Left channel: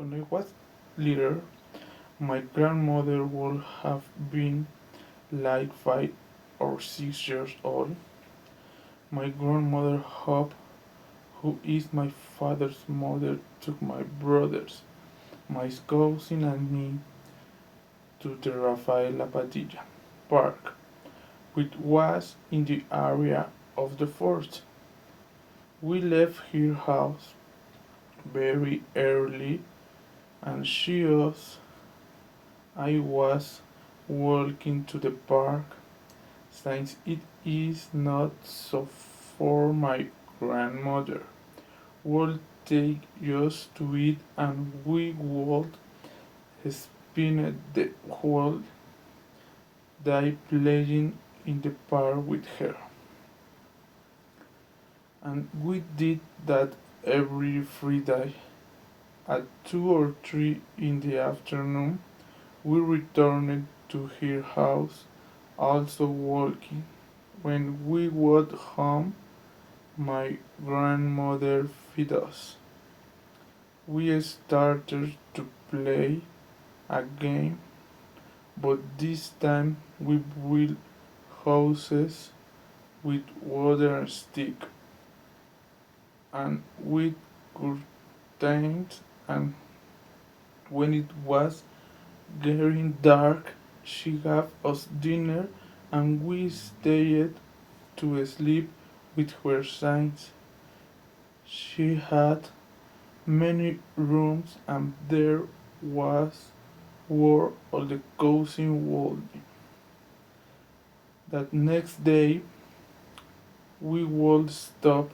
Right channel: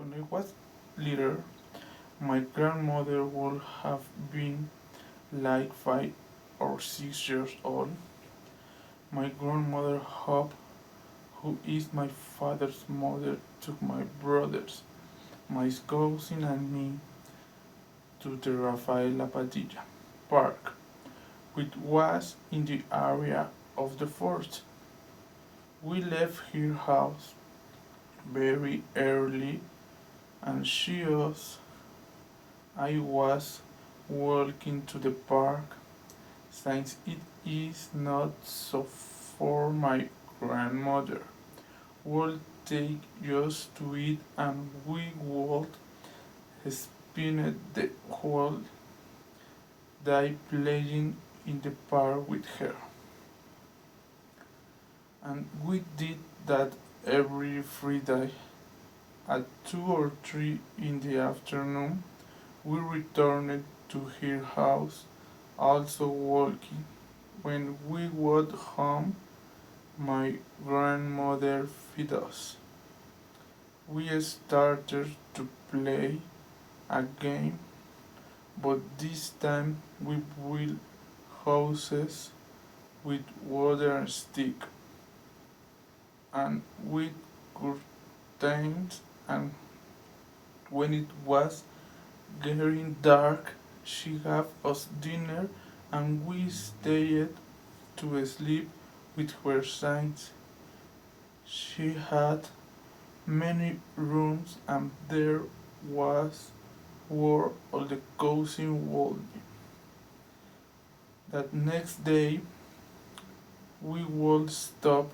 When I was little, my grandmother would have been like 5 or 6 years old. My grandmother Hope, who is my father's mother, took my brothers, my cousin and me to the Rafaela Padilla Park, which was in the area of the fort. We left her house very early and I was walking to the park since it is not so for my grandmother would take us to it and we would spend the whole day playing in the park with her. And we did that every Friday at 2 or 3 in the afternoon. We returned to her house, also walking. When we got home, my grandmother fed us. We started to play a game, but this time we built houses with water stick and with curtains, and when it was getting dark she gave us dinner and we stayed to sleep with her signs. She had many rooms and there was where all the cousins would be. That next day we would stop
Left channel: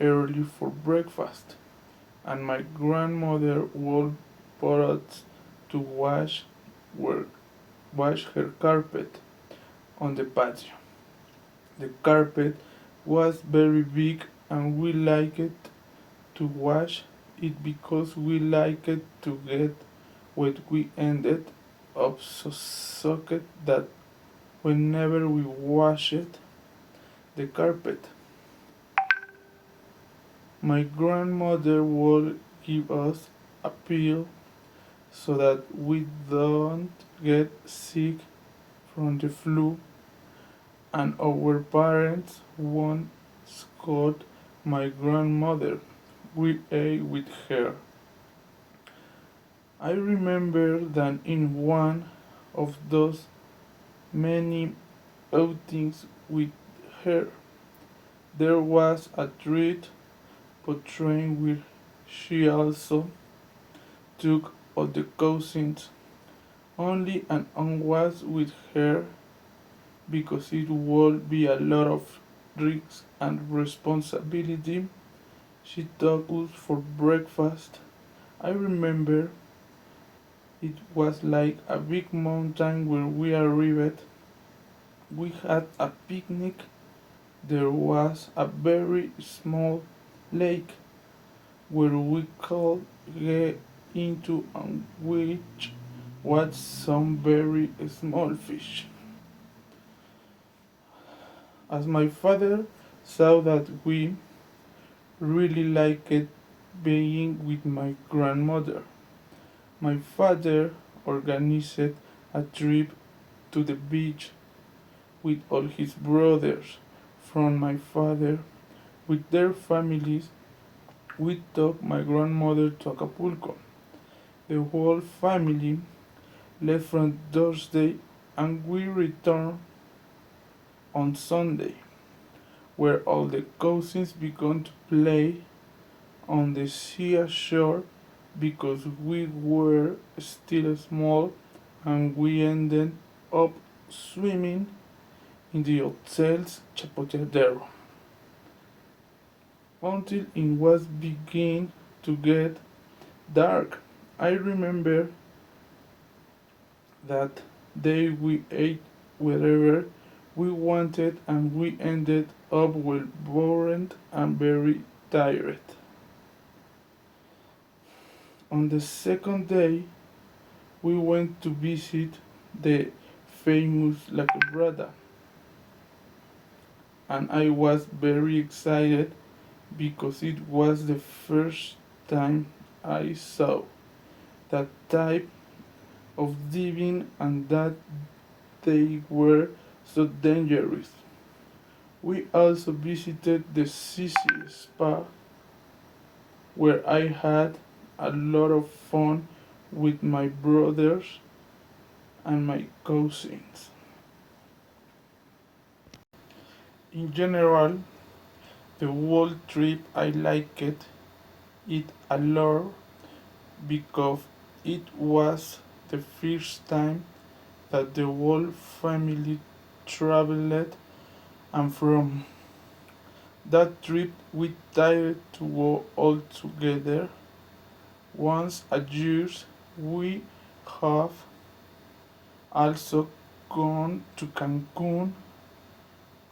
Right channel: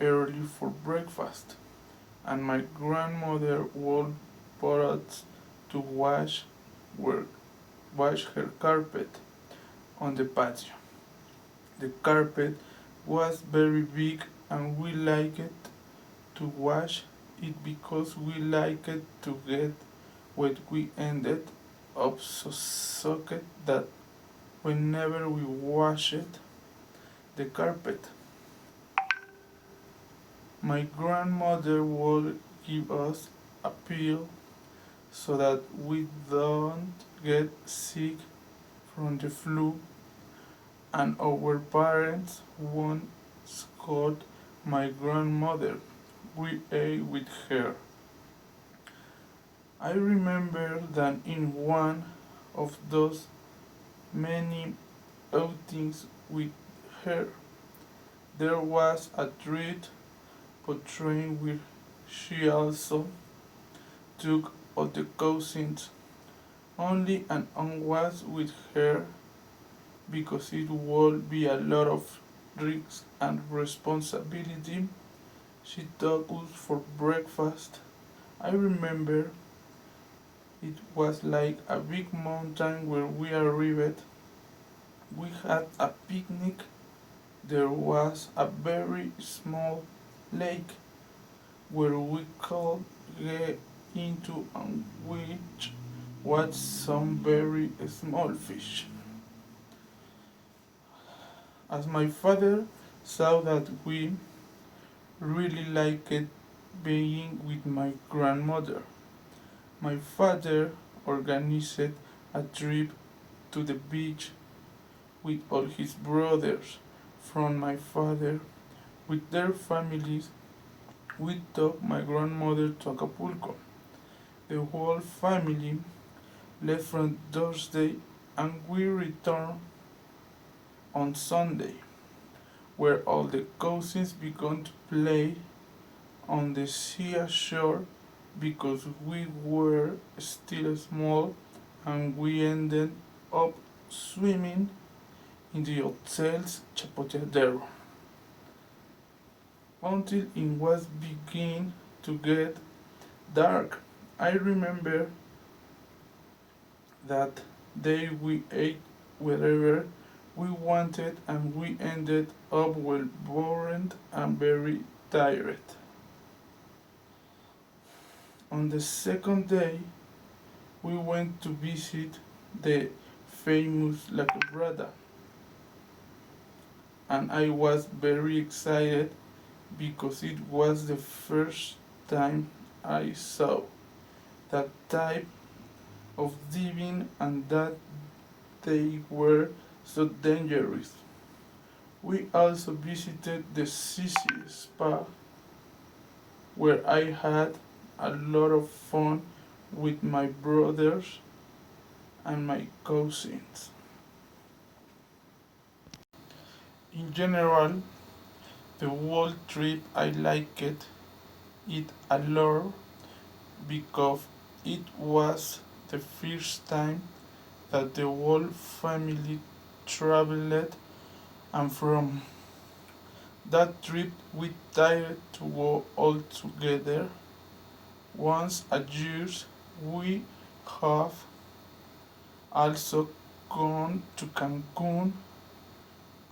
early for breakfast and my grandmother would put us to her, wash her carpet on the patio. The carpet was very big and we liked to wash it because we liked to get wet. We ended up so soaked that whenever we washed the carpet, my grandmother would give us a pill so that we don't get sick from the flu, and our parents once called my grandmother. We ate with her. I remember that in one of those many outings with her, there was a treat but train where she also took all the cousins. Only an aunt was with her because it would be a lot of risk and responsibility. She took us for breakfast. I remember it was like a big mountain where we arrived. We had a picnic. There was a very small lake where we could get into and which was some very small fish. As my father saw that we really liked being with my grandmother, my father organized a trip to the beach with all his brothers from my father with their families. We took my grandmother to Acapulco. The whole family left from Thursday and we returned on Sunday, where all the cousins began to play on the seashore because we were still small and we ended up swimming in the hotel's chapoteadero until it was beginning to get dark. I remember that day we ate whatever we wanted and we ended up well bored and very tired. On the second day, we went to visit the famous La Quebrada, and I was very excited because it was the first time I saw that type of diving and that they were so dangerous. We also visited the Sisi Spa where I had a lot of fun with my brothers and my cousins. In general, the whole trip I liked it a lot because it was the first time that the whole family traveled, and from that trip we tried to go all together once a year. We have also gone to Cancun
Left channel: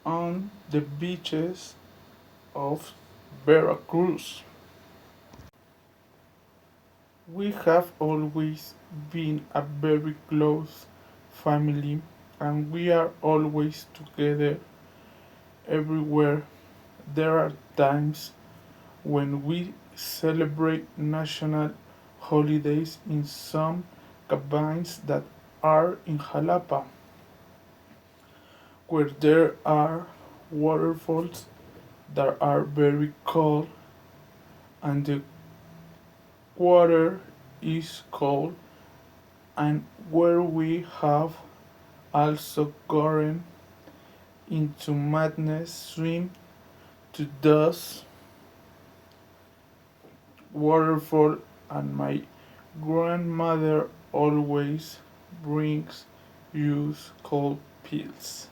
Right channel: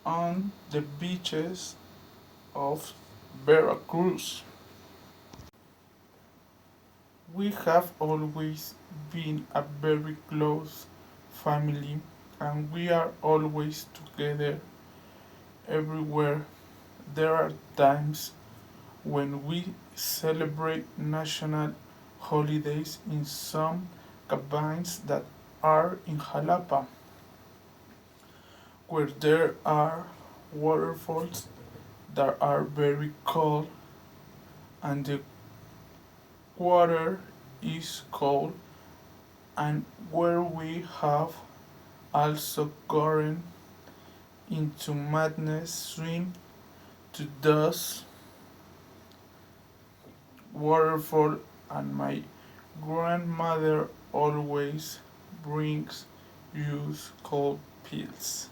on the beaches of Veracruz. We have always been a very close family and we are always together everywhere. There are times when we celebrate national holidays in some cabins that are in Jalapa, where there are waterfalls that are very cold and the water is cold, and where we have also gotten into madness swim to those waterfall, and my grandmother always brings you cold pills.